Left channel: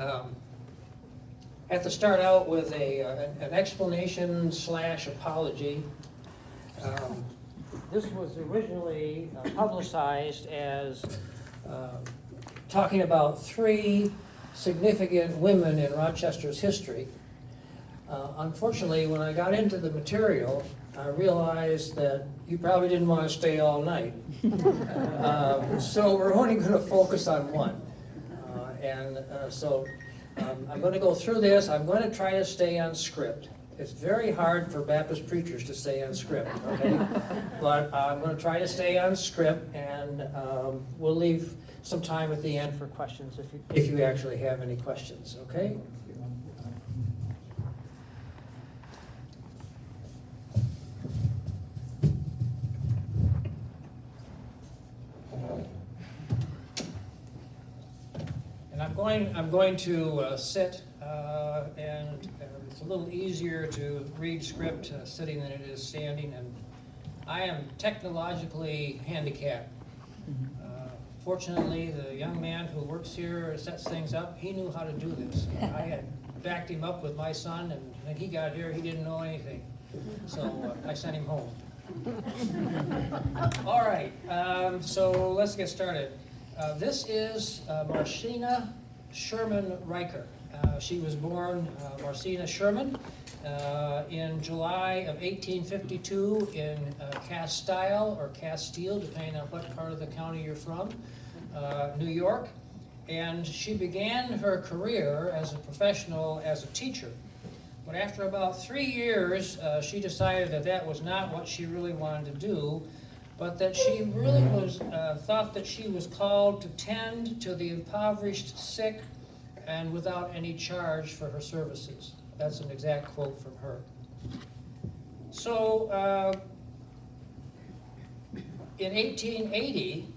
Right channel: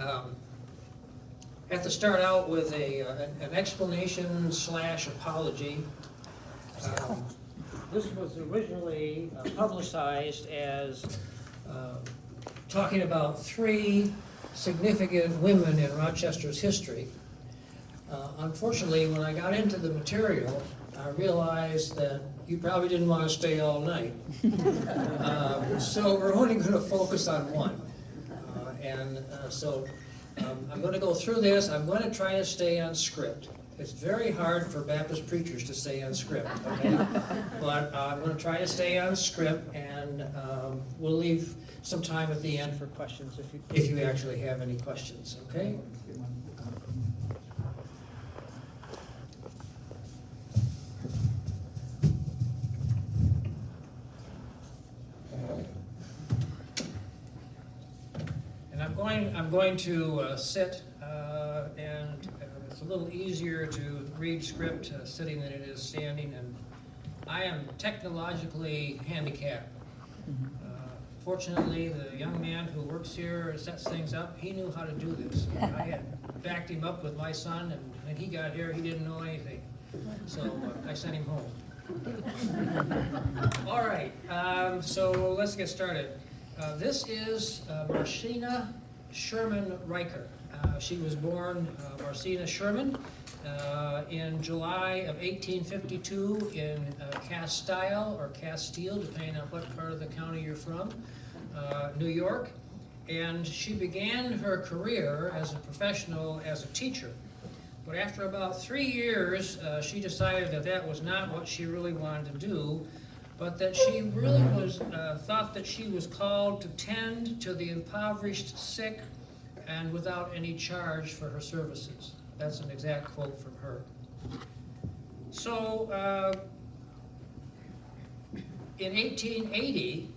I have to start out with an explanation / apology. This was originally publicized as talking about 3 significant women in Rochester's history. Unfortunately, when I got into the material, I realized that you probably didn't want to stay all night. So we're only going to focus on one. So I'm going to go through this. I'm going to try to stay on script. It's very hard for Baptist preachers to stay on script, okay? But I'm going to try to stay on script, and we'll leave some time at the end for questions if you actually have any questions, okay? And I'm going to sit, and it's a little easier to read script sitting than it is standing, and I am technologically handicapped. Fortunately, the young man who works here sets things up. He knew how to do this. I had backed him up with my son, and when he got here, he didn't know anything. So I sent him home. All right, so let's get started. This is Marcela Sherman Riker. She was born Marcela Sherman in July of 1852 in Castile or Castile, depending on what part of the county you're from, New York. And she began her career as a professional as a teacher. But after about 3 years, she decided that that was not what she really wanted to do, but that she really thought that she was called to tend to the impoverished sick and without any charge for her services. That's an exact quote from her. So in 1880,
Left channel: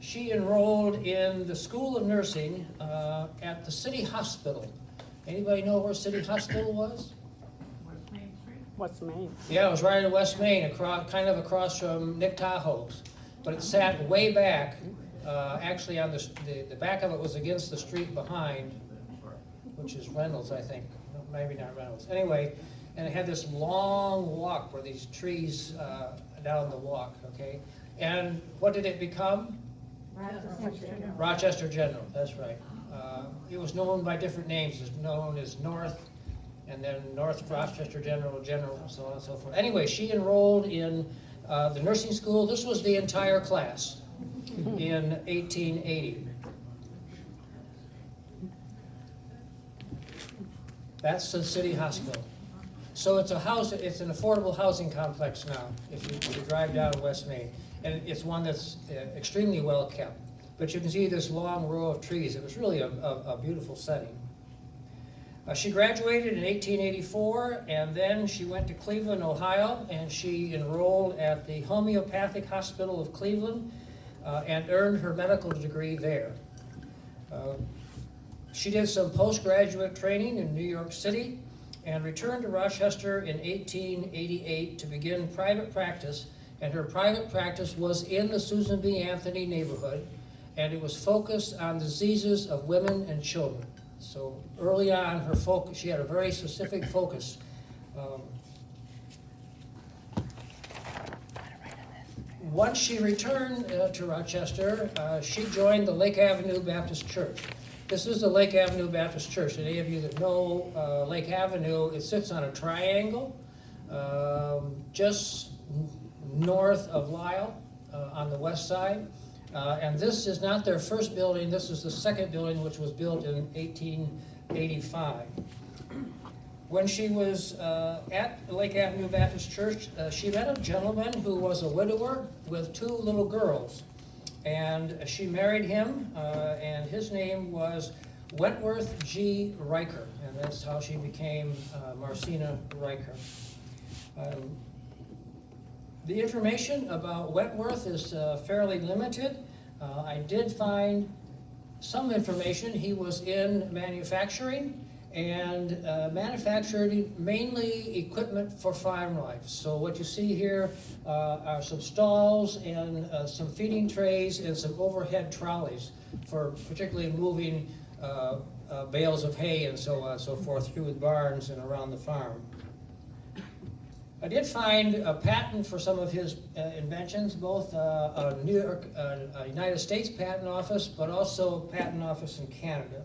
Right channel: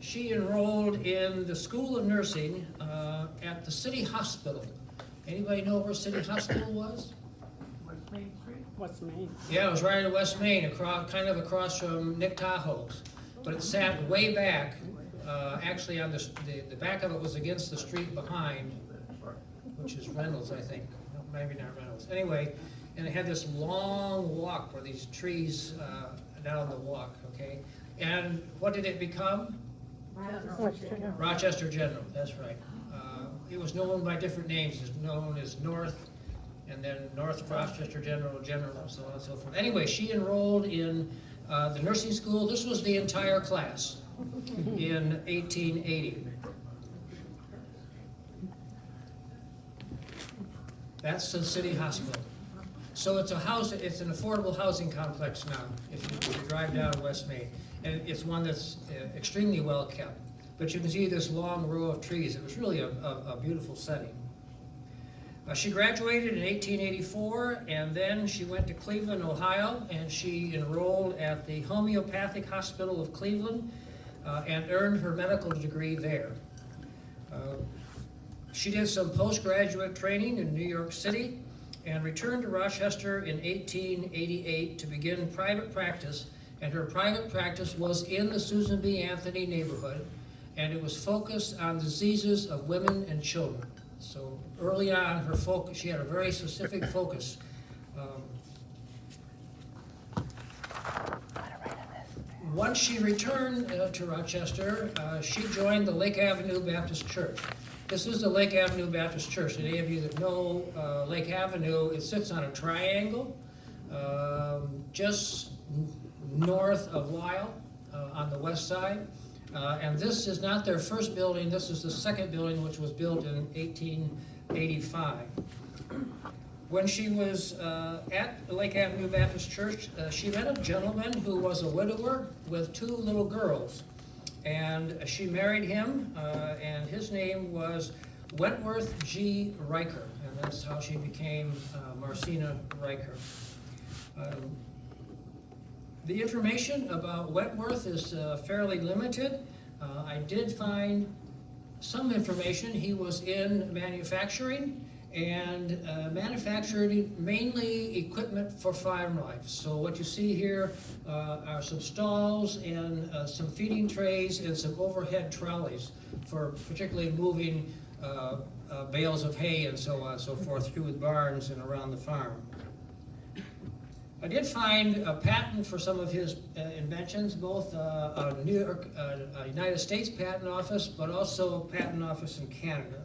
she enrolled in the School of Nursing at the City Hospital. Anybody know where City Hospital was? West Main. Yeah, it was right in West Main, kind of across from Nick Tahoe's. But it sat way back, actually on the back of it was against the street behind, which is Reynolds, I think. Maybe not Reynolds. Anyway, and it had this long walk where these trees down the walk, okay? And what did it become? Rochester General, that's right. It was known by different names. It was known as North, and then North Rochester General, and so on and so forth. Anyway, she enrolled in the nursing school. This was the entire class in 1880. That's the City Hospital. So it's it's an affordable housing complex now, if you drive down West Main. And it's one that's extremely well kept. But you can see this long row of trees. It was really a beautiful setting. She graduated in 1884, and then she went to Cleveland, Ohio, and she enrolled at the Homeopathic Hospital of Cleveland and earned her medical degree there. She did some postgraduate training in New York City and returned to Rochester in 1888 to begin private practice, and her private practice was in the Susan B. Anthony neighborhood, and it was focused on diseases of women and children. So early on, her focus, she had a very specific focus. Once she returned to Rochester, she joined the Lake Avenue Baptist Church. This is the Lake Avenue Baptist Church. And any of you that know Lake Avenue, it sits on a triangle just north of Lyle on the west side. And this is not their first building. This is the second building, which was built in 1885. When she was at Lake Avenue Baptist Church, she met a gentleman who was a widower with 2 little girls. And she married him, and his name was Wentworth G. Riker. And that's how she became Marcena Riker. The information about Wentworth is fairly limited. I did find some information. He was in manufacturing, and manufactured mainly equipment for farm life. So what you see here are some stalls and some feeding trays and some overhead trolleys for particularly moving bales of hay and so on and so forth through the barns and around the farm. I did find a patent for some of his inventions, both a New York, United States Patent Office, but also a patent office in Canada.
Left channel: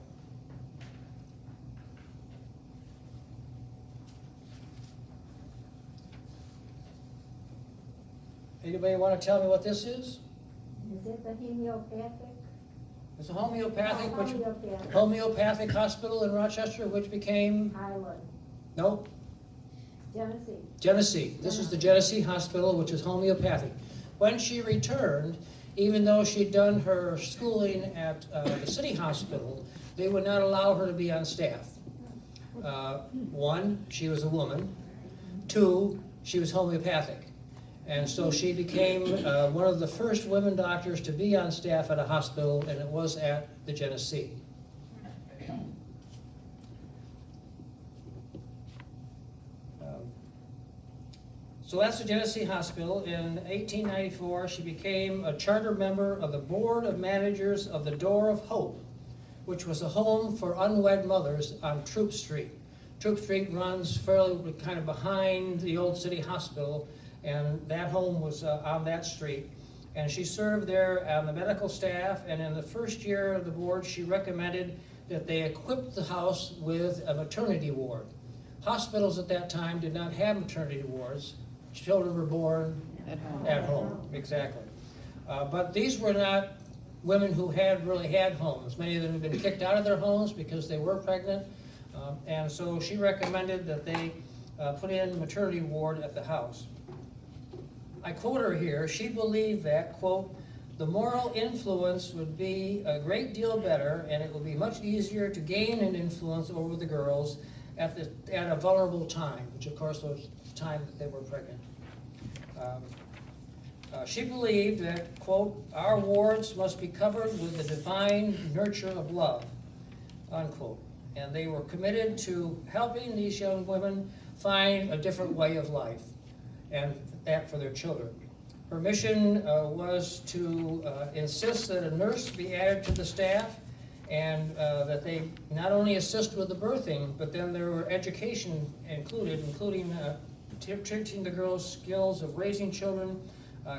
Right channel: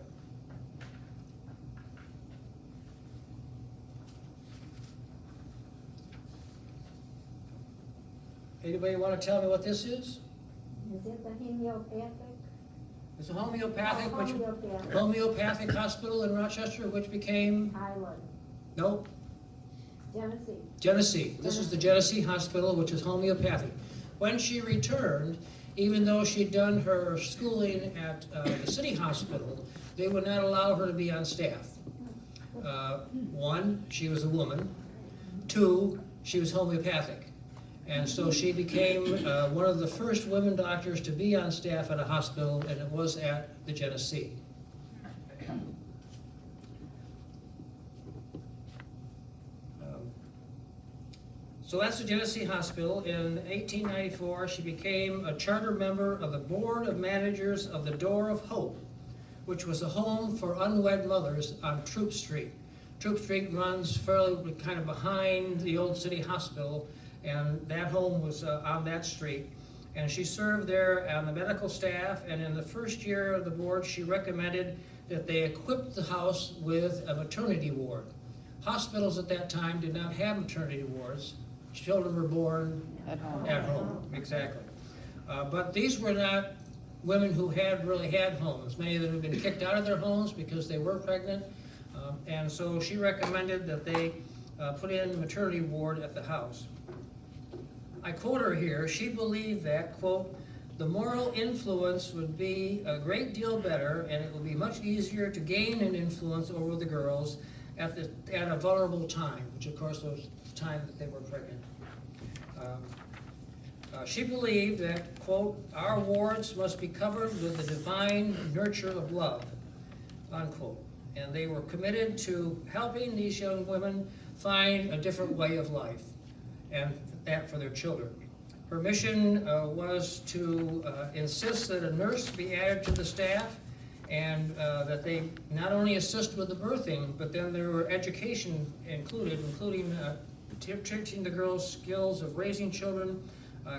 Anybody want to tell me what this is? Is it the homeopathic? It's a homeopathic, Homeopathic. homeopathic hospital in Rochester, which became, Highland. no, Genesee. Genesee. This is the Genesee Hospital, which is homeopathic. When she returned, even though she'd done her schooling at the city hospital, they would not allow her to be on staff. One, she was a woman. Two, she was homeopathic. And so she became one of the first women doctors to be on staff at a hospital, and it was at the Genesee. So that's the Genesee Hospital. In 1894, she became a charter member of the Board of Managers of the Door of Hope, which was a home for unwed mothers on Troop Street. Troop Street runs fairly kind of behind the old city hospital, and that home was on that street. And she served there on the medical staff, and in the first year of the board, she recommended that they equip the house with a maternity ward. Hospitals at that time did not have maternity wards. Children were born at home, exactly. But these were not women who had really had homes. Many of them had been kicked out of their homes because they were pregnant. And so she recommended that they put in a maternity ward at the house. I quote her here. She believed that, quote, the moral influence would be a great deal better, and it would be much easier to gain an influence over the girls at a vulnerable time, which of course was the time that they were pregnant. She believed that, quote, our wards must be covered with the divine nurture of love, unquote. And they were committed to helping these young women find a different way of life, and that for their children. Her mission was to insist that a nurse be added to the staff, and that they not only assist with the birthing, but then there were education including teaching the girls skills of raising children,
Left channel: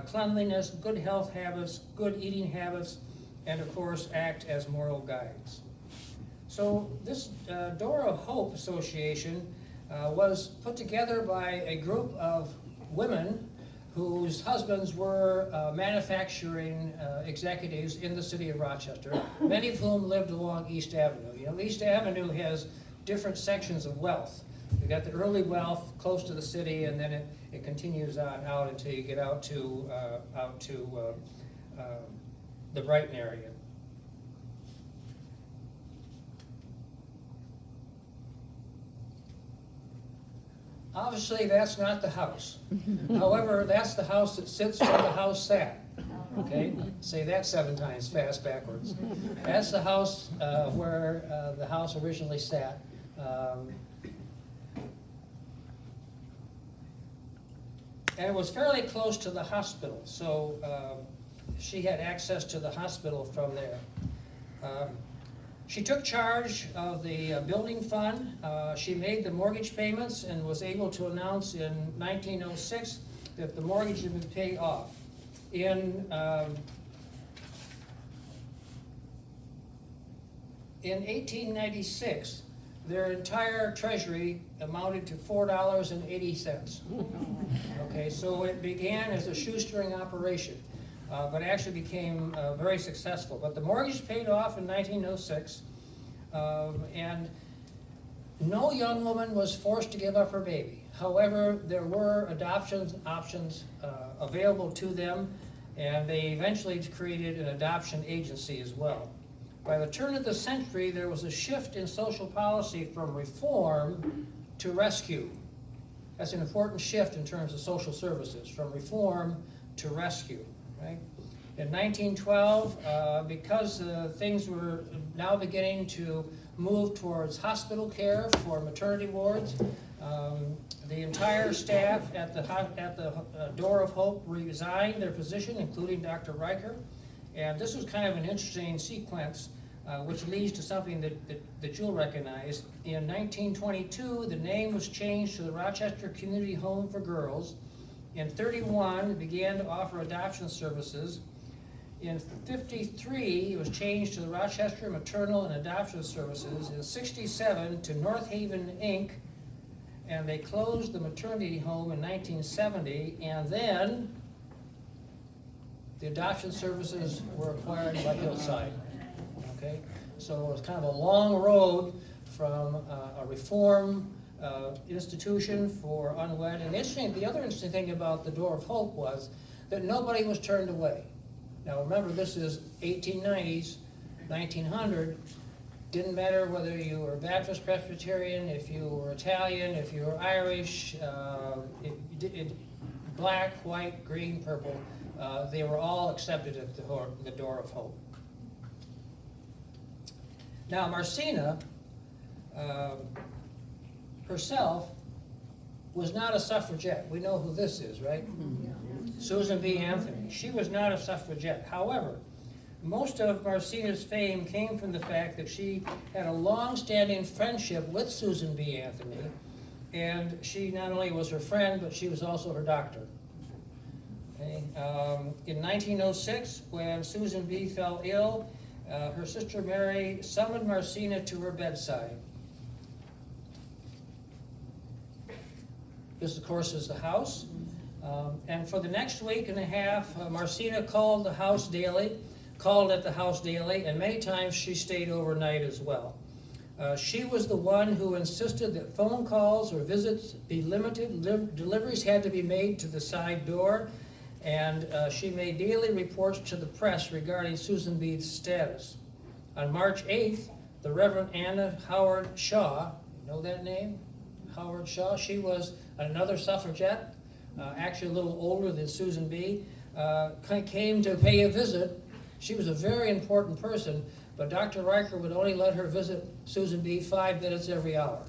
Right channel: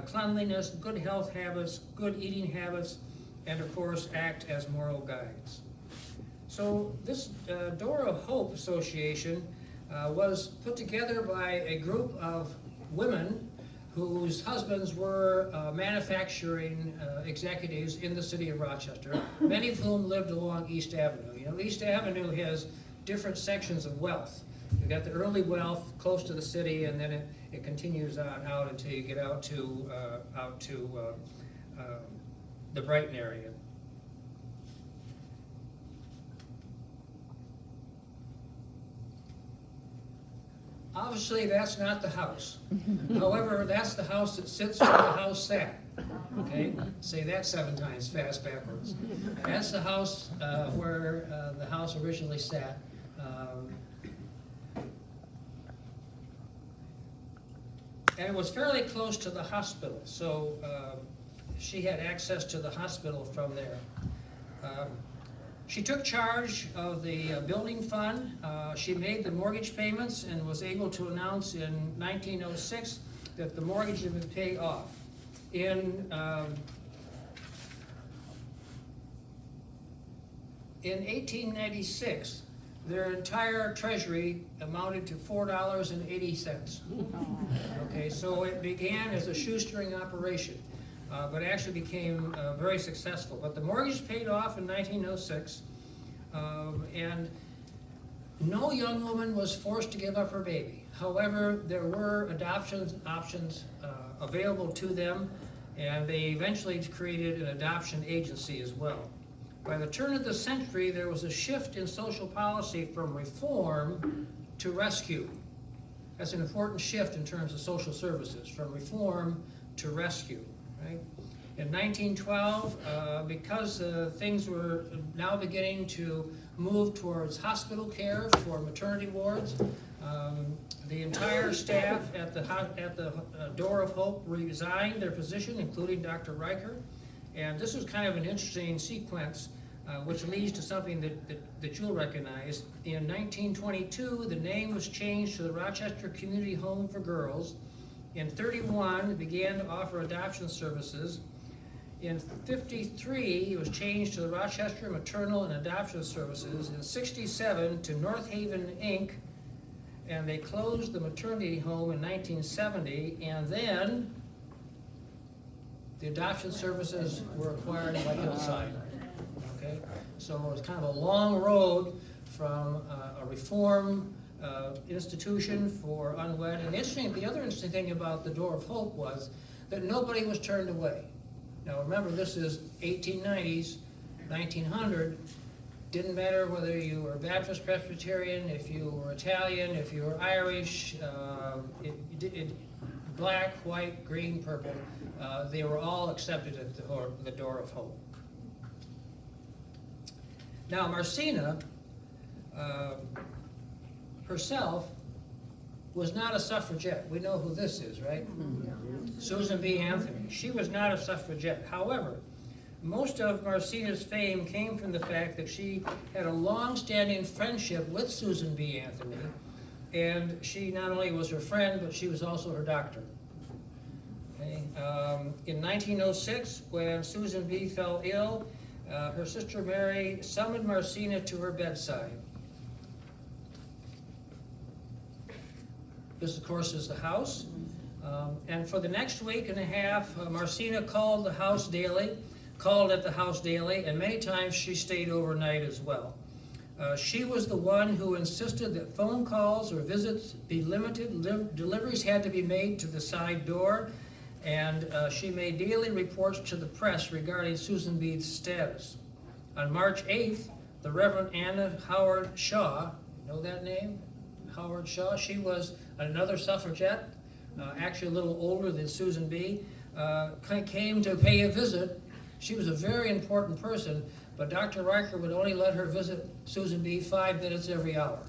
cleanliness, good health habits, good eating habits, and of course act as moral guides. So this Door of Hope Association was put together by a group of women whose husbands were manufacturing executives in the city of Rochester, many of whom lived along East Avenue. You know, East Avenue has different sections of wealth. You've got the early wealth close to the city, and then it continues on out until you get out to the Brighton area. Obviously, that's not the house. However, that's the house that sits where the house sat. Okay, say that 7 times fast backwards. That's the house where the house originally sat. And it was fairly close to the hospital, so she had access to the hospital from there. She took charge of the building fund. She made the mortgage payments and was able to announce in 1906 that the mortgage had been paid off. In 1896, their entire treasury amounted to $4.80. Okay, so it began as a shoestring operation, but actually became very successful. But the mortgage paid off in 1906, and no young woman was forced to give up her baby. However, there were adoption options available to them, and they eventually created an adoption agency as well. By the turn of the century, there was a shift in social policy from reform to rescue. That's an important shift in terms of social services, from reform to rescue, right? In 1912, because things were now beginning to move towards hospital care for maternity wards, the entire staff at the Door of Hope resigned their position, including Dr. Riker. And this was kind of an interesting sequence, which leads to something that you'll recognize. In 1922, the name was changed to the Rochester Community Home for Girls. In 1931, it began to offer adoption services. In 1953, it was changed to the Rochester Maternal and Adoption Services. In 1967, to North Haven, Inc., and they closed the maternity home in 1970, and then the adoption services were acquired by Hillside. Okay, so it was kind of a long road from a reform institution for unwed. And the other interesting thing about the Door of Hope was that nobody was turned away. Now remember, this is 1890s, 1900. Didn't matter whether you were Baptist, Presbyterian, if you were Italian, if you were Irish, black, white, green, purple. They were all accepted at the Door of Hope. Now Marcena herself was not a suffragette. We know who this is, right? Susan B. Anthony. She was not a suffragette. However, most of Marcena's fame came from the fact that she had a long-standing friendship with Susan B. Anthony, and she not only was her friend, but she was also her doctor. Okay. In 1906, when Susan B. fell ill, her sister Mary summoned Marcena to her bedside. This, of course, is the house. And for the next week and a half, Marcena called at the house daily, and many times she stayed overnight as well. She was the one who insisted that phone calls or visits be limited. Deliveries had to be made to the side door, and she made daily reports to the press regarding Susan B.'s status. On March 8th, the Reverend Anna Howard Shaw, you know that name? Howard Shaw, she was another suffragette, actually a little older than Susan B., came to pay a visit. She was a very important person, but Dr. Riker would only let her visit Susan B. 5 minutes every hour.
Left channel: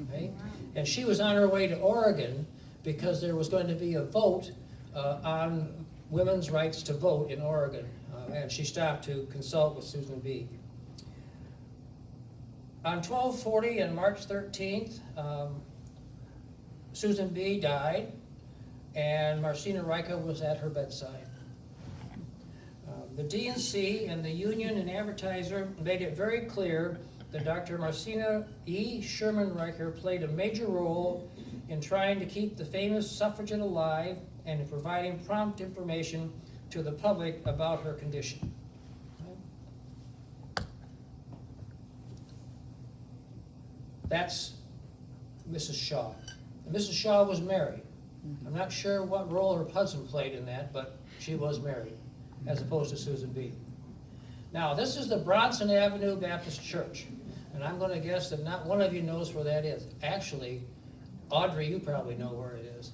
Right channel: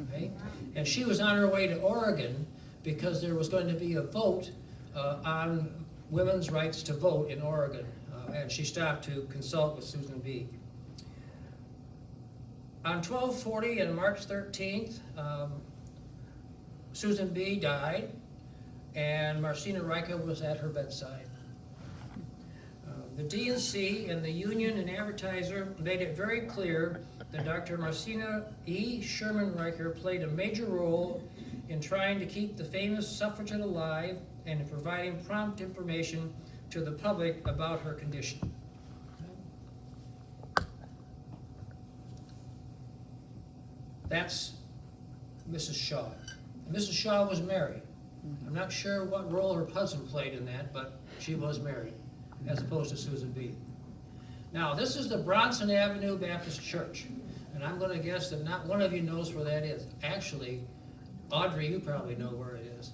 Okay? And she was on her way to Oregon because there was going to be a vote on women's rights to vote in Oregon, and she stopped to consult with Susan B. On 12/40 and March 13th, Susan B. died, and Marcena Riker was at her bedside. The D&C and the Union and Advertiser made it very clear that Dr. Marcena E. Sherman Riker played a major role in trying to keep the famous suffragette alive and in providing prompt information to the public about her condition. That's Mrs. Shaw. Mrs. Shaw was married. I'm not sure what role her husband played in that, but she was married, as opposed to Susan B. Now, this is the Bronson Avenue Baptist Church, and I'm going to guess that not one of you knows where that is. Actually, Audrey, you probably know where it is.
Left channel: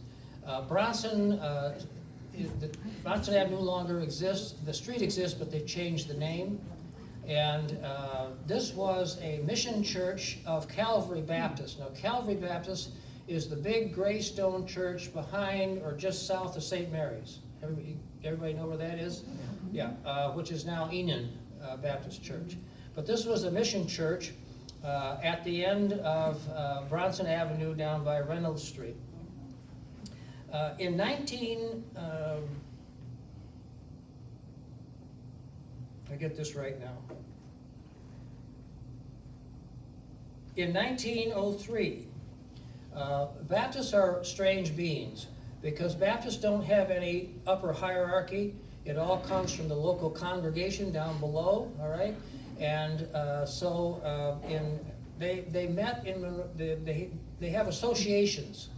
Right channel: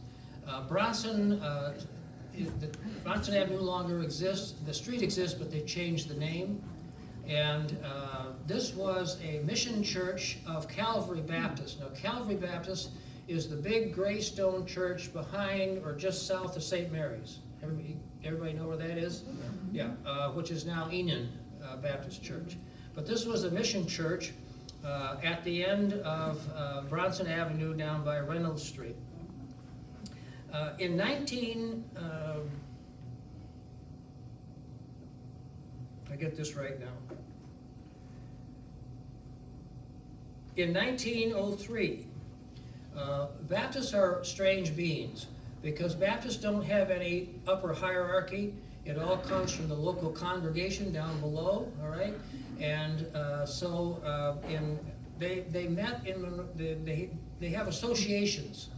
Bronson Avenue no longer exists. The street exists, but they've changed the name. And this was a mission church of Calvary Baptist. Now, Calvary Baptist is the big gray stone church behind or just south of St. Mary's. Everybody know where that is? Yeah, which is now Enon Baptist Church. But this was a mission church at the end of Bronson Avenue down by Reynolds Street. In 1903, Baptists are strange beings because Baptists don't have any upper hierarchy. It all comes from the local congregation down below, all right? And they met in, they have associations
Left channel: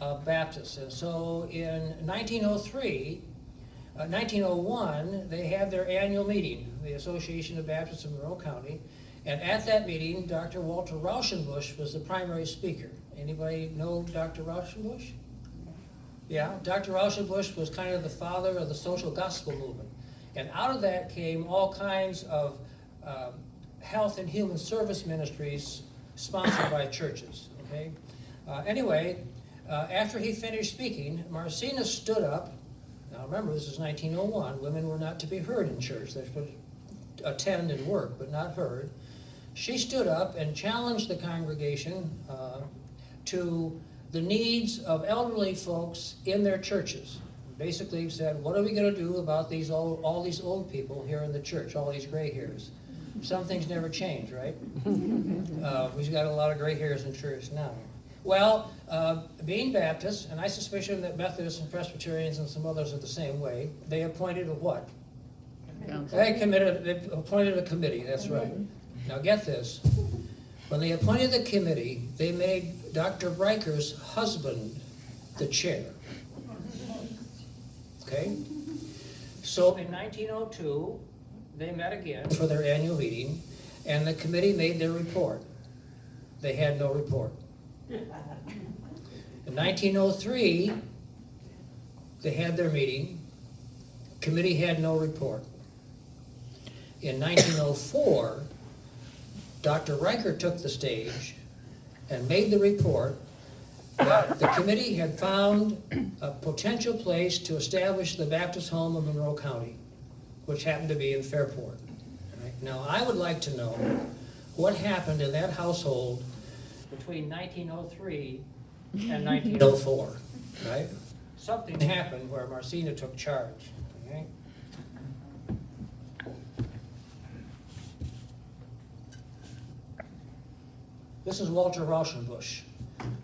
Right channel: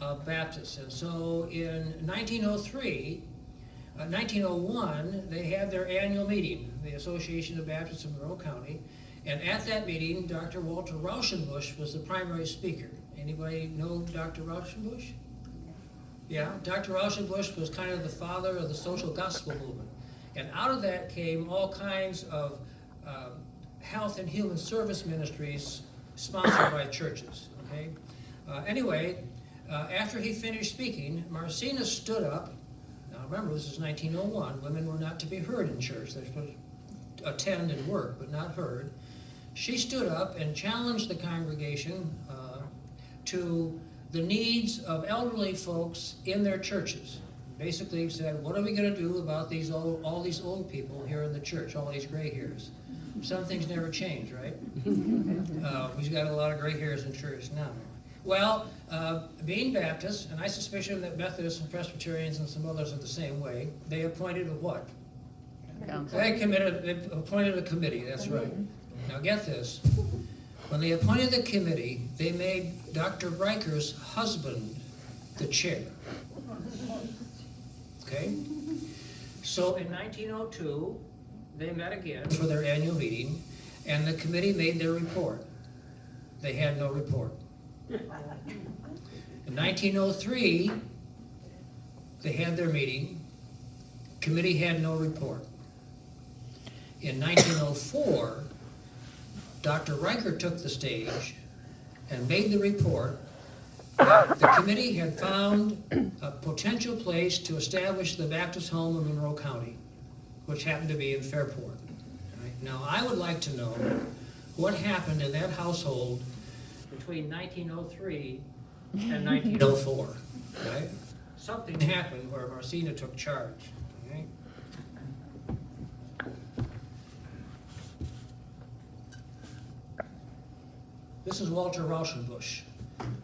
of Baptists. And so in 1901, they had their annual meeting, the Association of Baptists in Monroe County. And at that meeting, Dr. Walter Rauschenbusch was the primary speaker. Anybody know Dr. Rauschenbusch? Yeah, Dr. Rauschenbusch was kind of the father of the social gospel movement. And out of that came all kinds of health and human service ministries sponsored by churches, okay? Anyway, after he finished speaking, Marcena stood up. Now remember, this is 1901. Women were not to be heard in church. They should attend and work, but not heard. She stood up and challenged the congregation to the needs of elderly folks in their churches. Basically said, what are we going to do about all these old people here in the church, all these gray hairs? Some things never change, right? We've got a lot of gray hairs in church now. Well, being Baptists, and I suspicion that Methodists and Presbyterians and some others are the same way, they appointed a what? Council. They appointed a committee, that's right. Now get this. When they appointed the committee, they made Dr. Riker's husband the chair. Okay? So in 1902, they met again for their annual meeting, and the committee made their report. They had no report. In 1903, they had their meeting. Committee had no report. In 1904, Dr. Riker took the stage and made the report that the committee had found a potential place to establish the Baptist home in Monroe County, which happened to be in Fairport. All right. Now, I would like to know what happened in that household between 1903 and 1904, right? Something happened where Marcena took charge, right? This is Walter Rauschenbusch.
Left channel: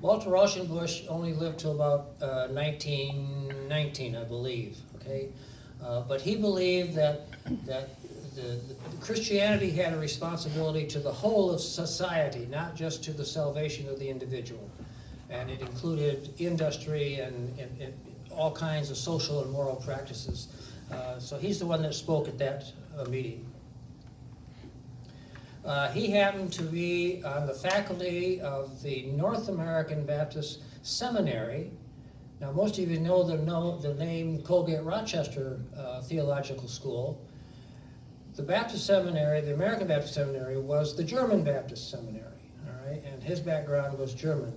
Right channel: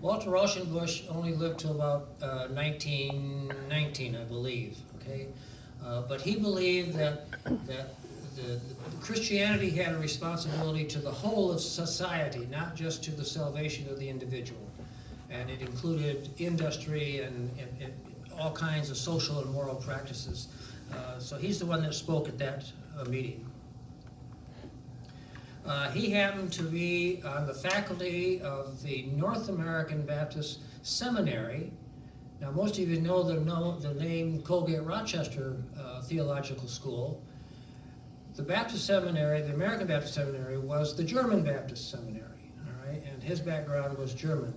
Walter Rauschenbusch only lived till about 1919, I believe, okay? But he believed that the Christianity had a responsibility to the whole of society, not just to the salvation of the individual. And it included industry and all kinds of social and moral practices. So he's the one that spoke at that meeting. He happened to be on the faculty of the North American Baptist Seminary. Now, most of you know the name Colgate Rochester Theological School. The Baptist Seminary, the American Baptist Seminary, was the German Baptist Seminary, all right? And his background was German.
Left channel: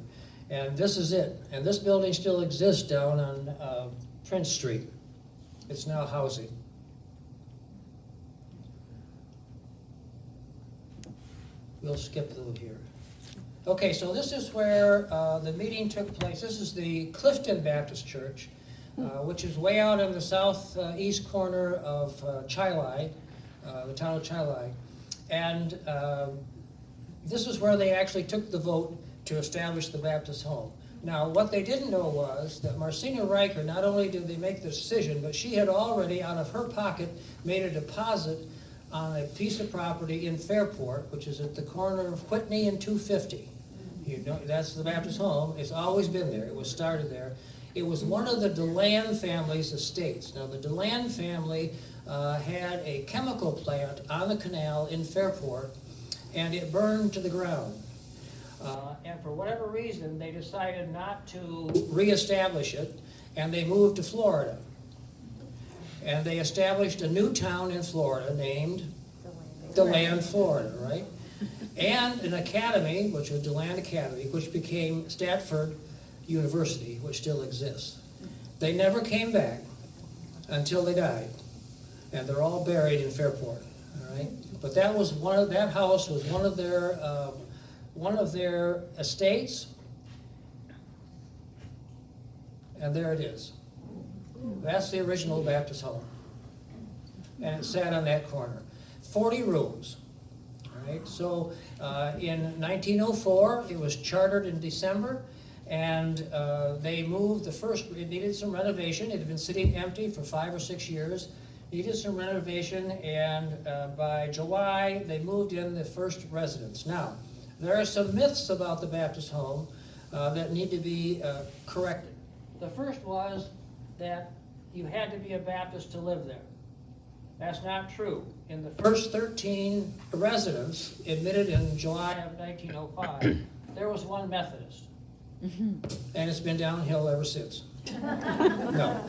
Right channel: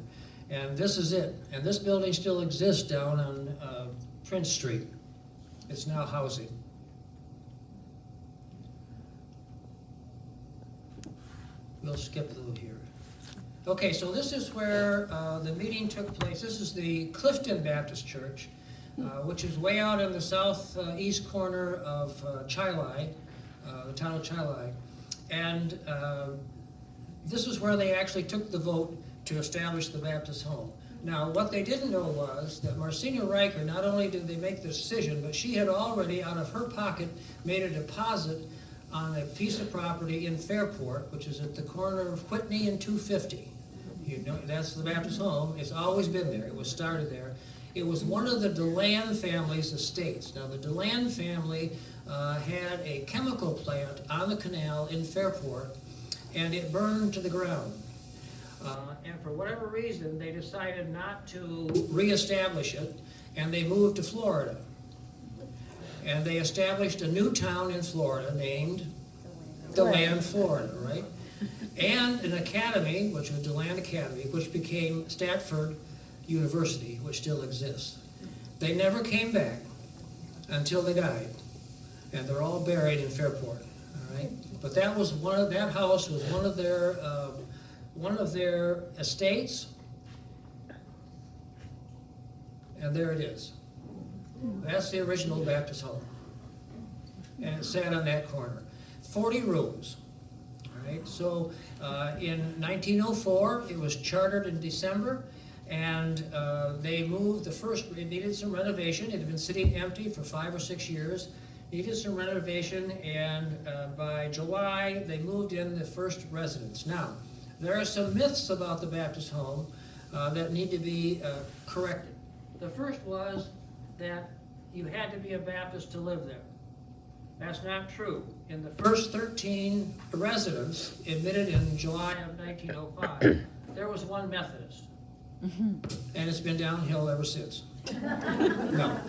And this is it. And this building still exists down on Prince Street. It's now housing. We'll skip through here. Okay, so this is where the meeting took place. This is the Clifton Baptist Church, which is way out in the southeast corner of Chili, the town of Chili. And this is where they actually took the vote to establish the Baptist home. Now, what they didn't know was that Marcena Riker, not only did they make the decision, but she had already, out of her pocket, made a deposit on a piece of property in Fairport, which is at the corner of Whitney and 250. You know, that's the Baptist home. It's always been there. It was started there. It was one of the DeLand family's estates. Now, the DeLand family had a chemical plant on the canal in Fairport, and it burned to the ground. And for whatever reason, they decided not to reestablish it, and they moved to Florida. And they established a new town in Florida named DeLand, Florida, right? And an academy, which was DeLand Academy, which became Stanford University, which still exists. They never came back until they died. And they're all buried in Fairport, all right? But that was that house was one of their estates. And there it is. That's the original Baptist home. And it sat on that corner. 40 rooms. All right. So in 1904, it was chartered in December, and they moved it needed some renovation. It had been sitting empty for 5 or 6 years. Needed some renovation, and by July, they moved in the first residents. Now, there are some myths about the Baptist home that need to be corrected. The first was that you had to be a Baptist to live there. That's not true. In the first 13 residents admitted in July of 1905, there was one Methodist. And it's been downhill ever since. No.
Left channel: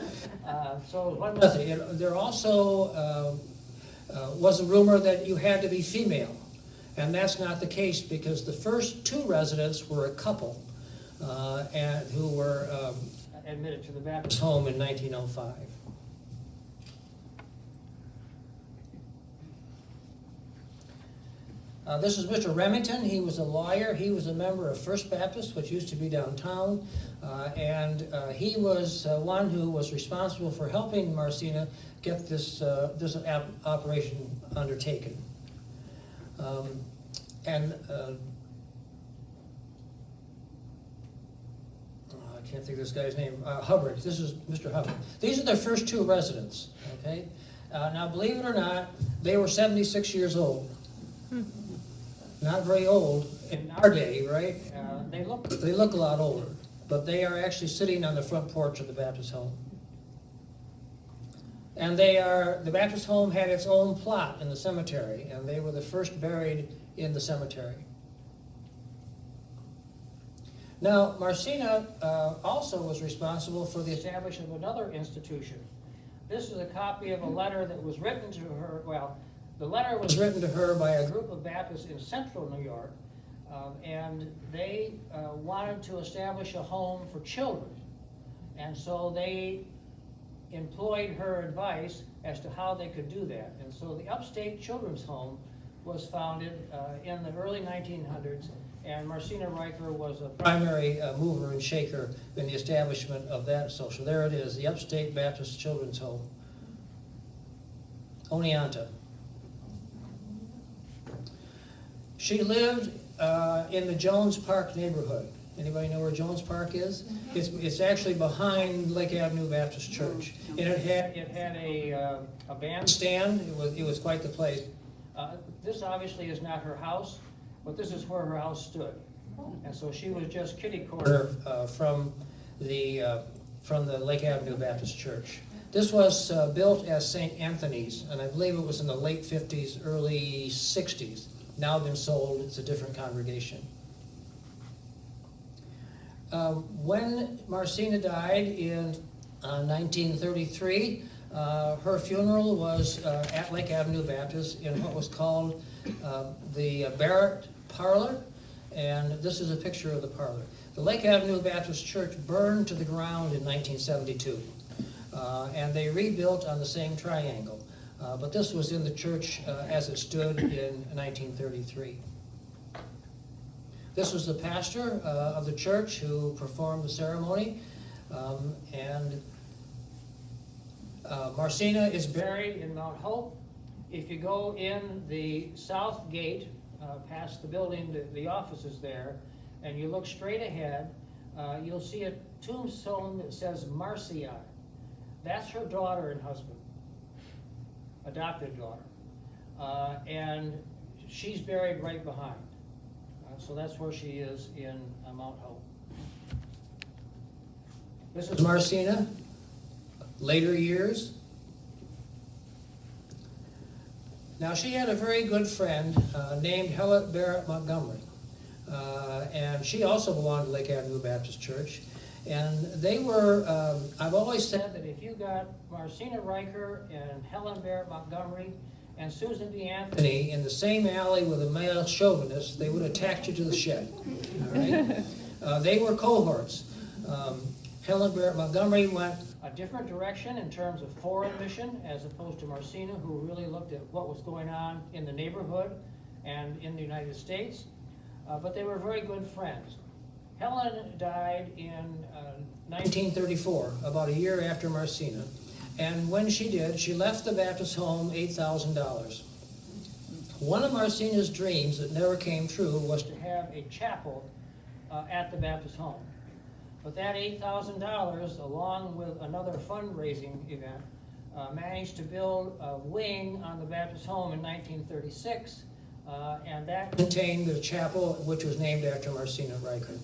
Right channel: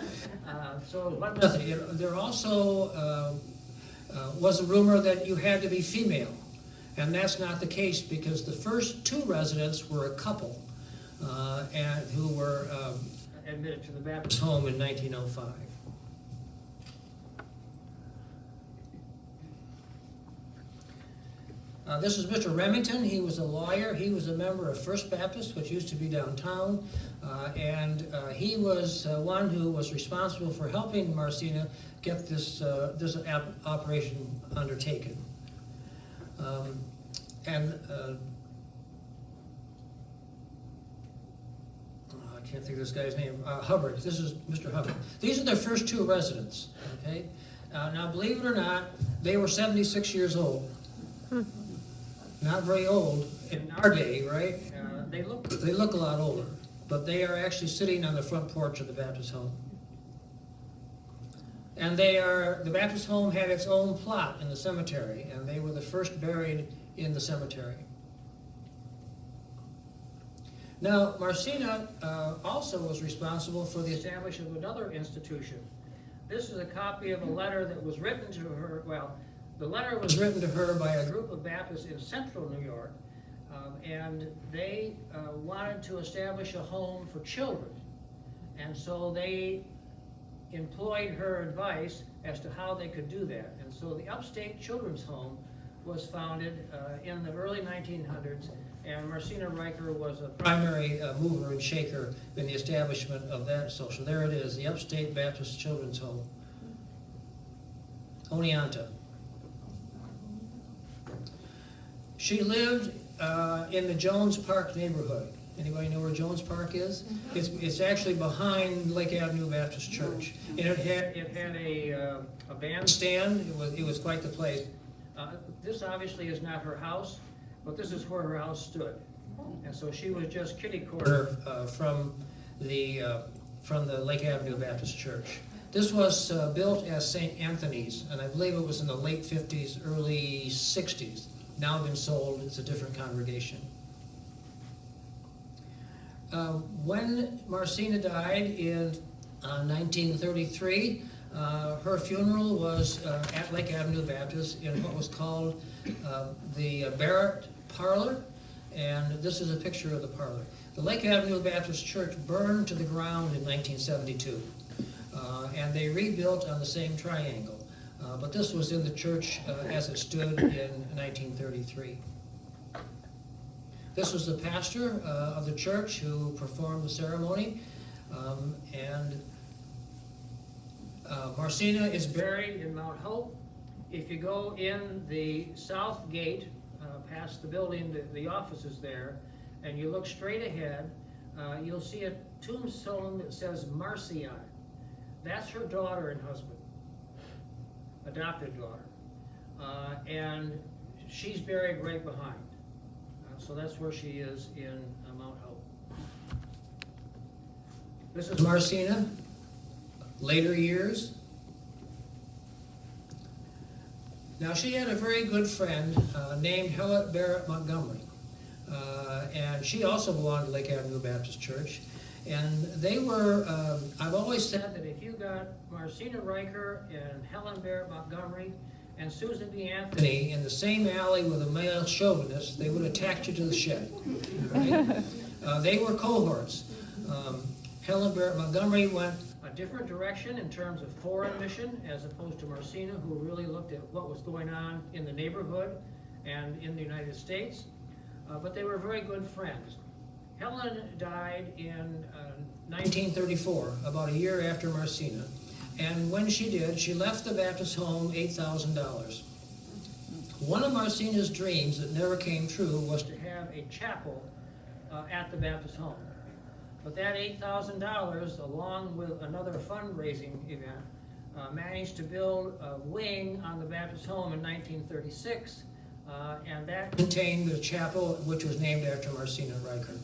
So one method. There also was a rumor that you had to be female, and that's not the case because the first two residents were a couple and who were admitted to the Baptist home in 1905. This is Mr. Remington. He was a lawyer. He was a member of First Baptist, which used to be downtown, and he was one who was responsible for helping Marcena get this operation undertaken. I can't think of this guy's name. Hubbard. This is Mr. Hubbard. These are their first two residents. Okay. Now, believe it or not, they were 76 years old. Not very old in our day, right? They look a lot older, but they are actually sitting on the front porch of the Baptist home. And the Baptist home had its own plot in the cemetery, and they were the first buried in the cemetery. Now, Marcena also was responsible for the establishment of another institution. This is a copy of a letter that was written to her, the letter was written to her by a group of Baptists in central New York, and they wanted to establish a home for children. And so they employed her advice as to how they could do that. And so the Upstate Children's Home was founded in the early 1900s, and Marcena Riker was a primary mover and shaker in the establishment of that social. There it is, the Upstate Baptist Children's Home. Oneonta. She lived in the Jones Park neighborhood. Anybody know where Jones Park is? It's actually behind Lake Avenue Baptist Church. And it had a bandstand. It was quite the place. This obviously is not her house, but this is where her house stood. And so she was just kitty corner from the Lake Avenue Baptist Church. This was built as St. Anthony's, and I believe it was in the late 50s, early 60s. Now been sold. It's a different congregation. When Marcena died in 1933, her funeral was at Lake Avenue Baptist in what was called the Barrett Parlor, and this is a picture of the parlor. The Lake Avenue Baptist Church burned to the ground in 1972, and they rebuilt on the same triangle. But this was in the church as it stood in 1933. This was the pastor of the church who performed the ceremony, and Marcena is buried in Mount Hope. If you go in the south gate, past the building, the offices there, and you look straight ahead, you'll see a tombstone that says Marcy on it. That's her daughter and husband, adopted daughter, and she's buried right behind. So that's where she is in Mount Hope. This is Marcena, later years. Now she had a very good friend named Helen Barrett Montgomery, and she also belonged to Lake Avenue Baptist Church. And they were, I've always said that if you got Marcena Riker and Helen Barrett Montgomery and Susan B. Anthony in the same alley with a male chauvinist, they would have tacked you to the shed. All right? They were cohorts. Helen Barrett Montgomery went a different direction in terms of foreign mission as opposed to Marcena, who really looked at what was going on in the neighborhood and in the United States. But they were very good friends. Helen died in 1934, about a year after Marcena. And when she did, she left the Baptist home $8,000. One of Marcena's dreams that never came true was to have a chapel at the Baptist home. But that $8,000, along with another fundraising event, managed to build a wing on the Baptist home in 1936, and that contained the chapel, which was named after Marcena Riker.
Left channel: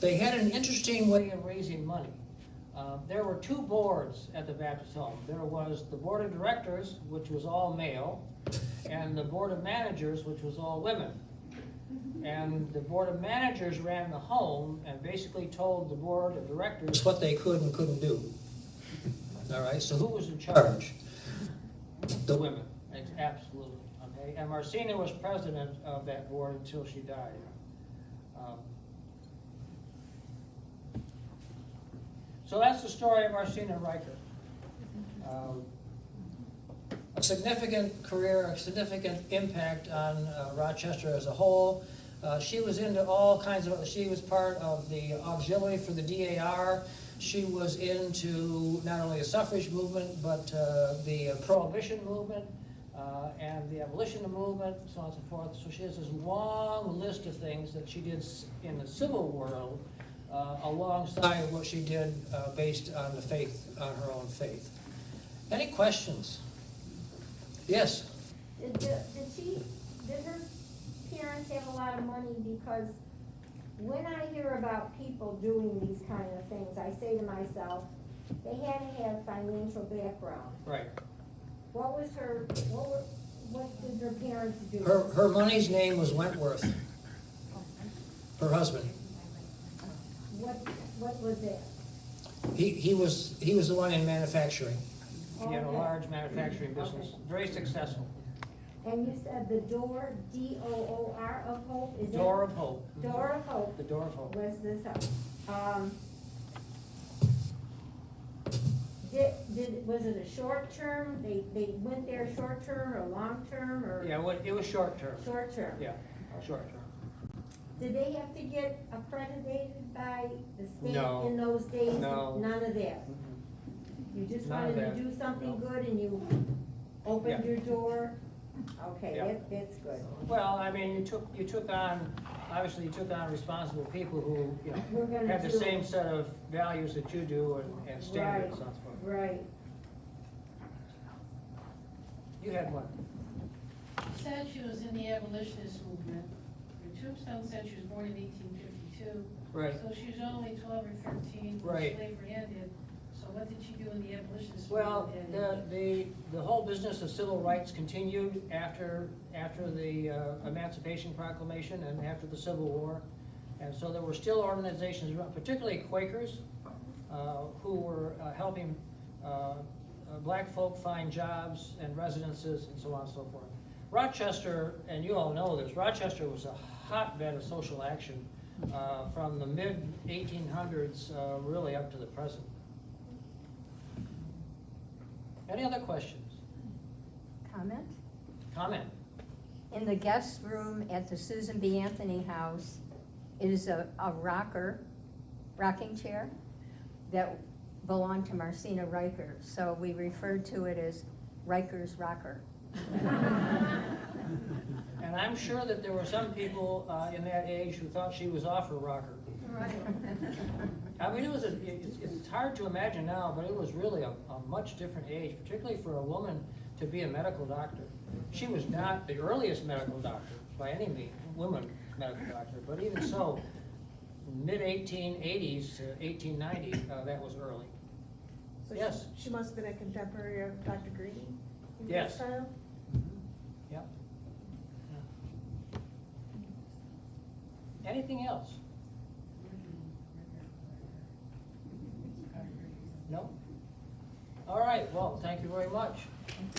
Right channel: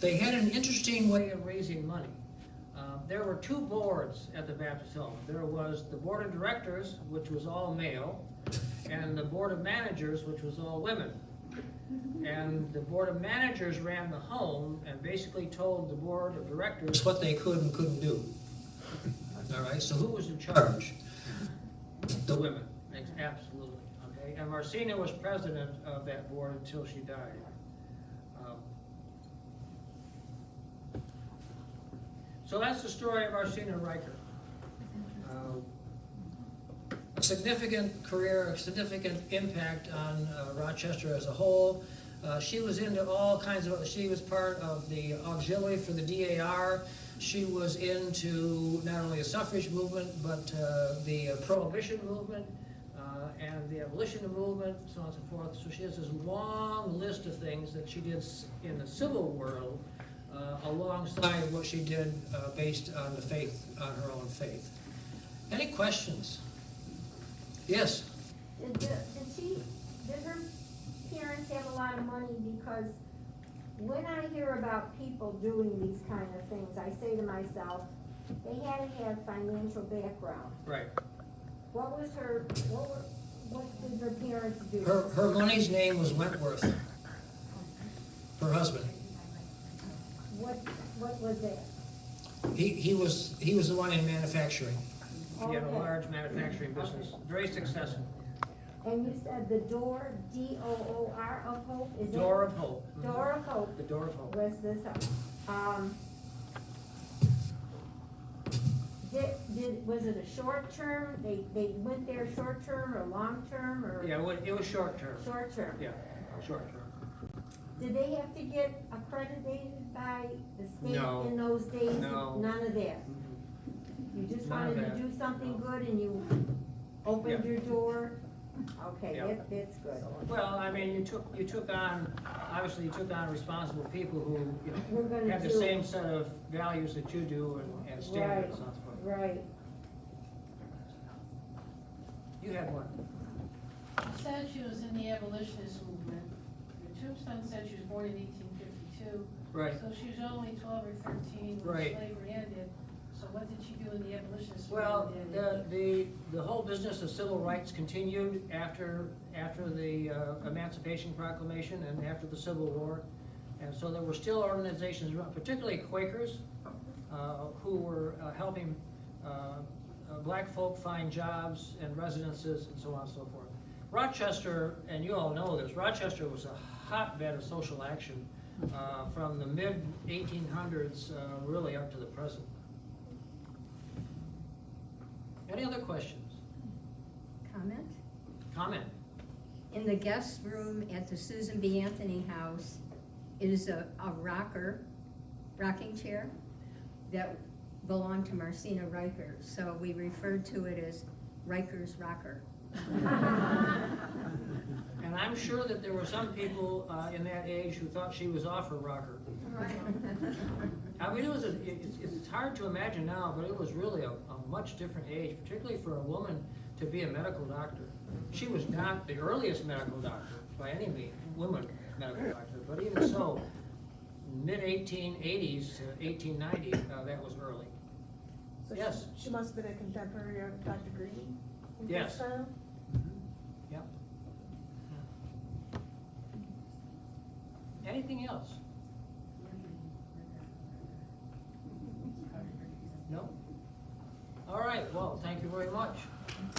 They had an interesting way of raising money. There were two boards at the Baptist home. There was the board of directors, which was all male, and the board of managers, which was all women. And the board of managers ran the home and basically told the board of directors what they could and couldn't do. All right, so who was in charge? The women, absolutely, okay? And Marcena was president of that board until she died. So that's the story of Marcena Riker. A significant career, a significant impact on Rochester as a whole. She was into all kinds of, she was part of the auxiliary for the DAR. She was into not only the suffrage movement, but the prohibition movement and the abolition movement, so on and so forth. So she has this long list of things that she did in the civil world alongside what she did based on the faith, on her own faith. Any questions? Yes? Did her parents have a lot of money? Because when I hear about people doing these kind of things, I say to myself, they had to have financial background. Right. What did her parents do? Her money's name was Wentworth. Her husband. What was that? He was the one in manufacturing. He had a Okay. large manufacturing business, very successful. And you said the door, D-O-O-R of Hope? Is it? Door of Hope. Door of Hope. The Door of Hope. Was this, was it a short term? They went there short term or long term or? Yeah, it was short term. Short term. Yeah, short term. Did they have to get accredited by the state No. in those days? No. None of that? Mhm. You just None of wanted to that. do something No. good and you opened Yeah. your door? Okay, Yeah. that's good. Well, I mean, you took on, obviously you took on responsible people who, you We're know, gonna had the do- same set of values that you do and standards and so forth. Right. You had one. Said she was in the abolitionist movement. Your tombstone said she was born in 1852. Right. So she was only 12 or 13 when Right. slavery ended. So what did she do in the abolitionist Well, movement? the whole business of civil rights continued after the Emancipation Proclamation and after the Civil War. And so there were still organizations, particularly Quakers, who were helping black folk find jobs and residences and so on and so forth. Rochester, and you all know this, Rochester was a hotbed of social action from the mid-1800s really up to the present. Any other questions? Comment? Comment? In the guest room at the Susan B. Anthony House is a rocking chair that belonged to Marcena Riker. So we referred to it as Riker's Rocker. And I'm sure that there were some people in that age who thought she was off her rocker. I mean, it's hard to imagine now, but it was really a much different age, particularly for a woman to be a medical doctor. She was not the earliest medical doctor by any means, woman medical doctor, but even so, mid-1880s to 1890, that was early. So Yes. She must have been a contemporary of Dr. Green? in Yes. Castile? Yep. Anything else? No? All right, well, thank you very much.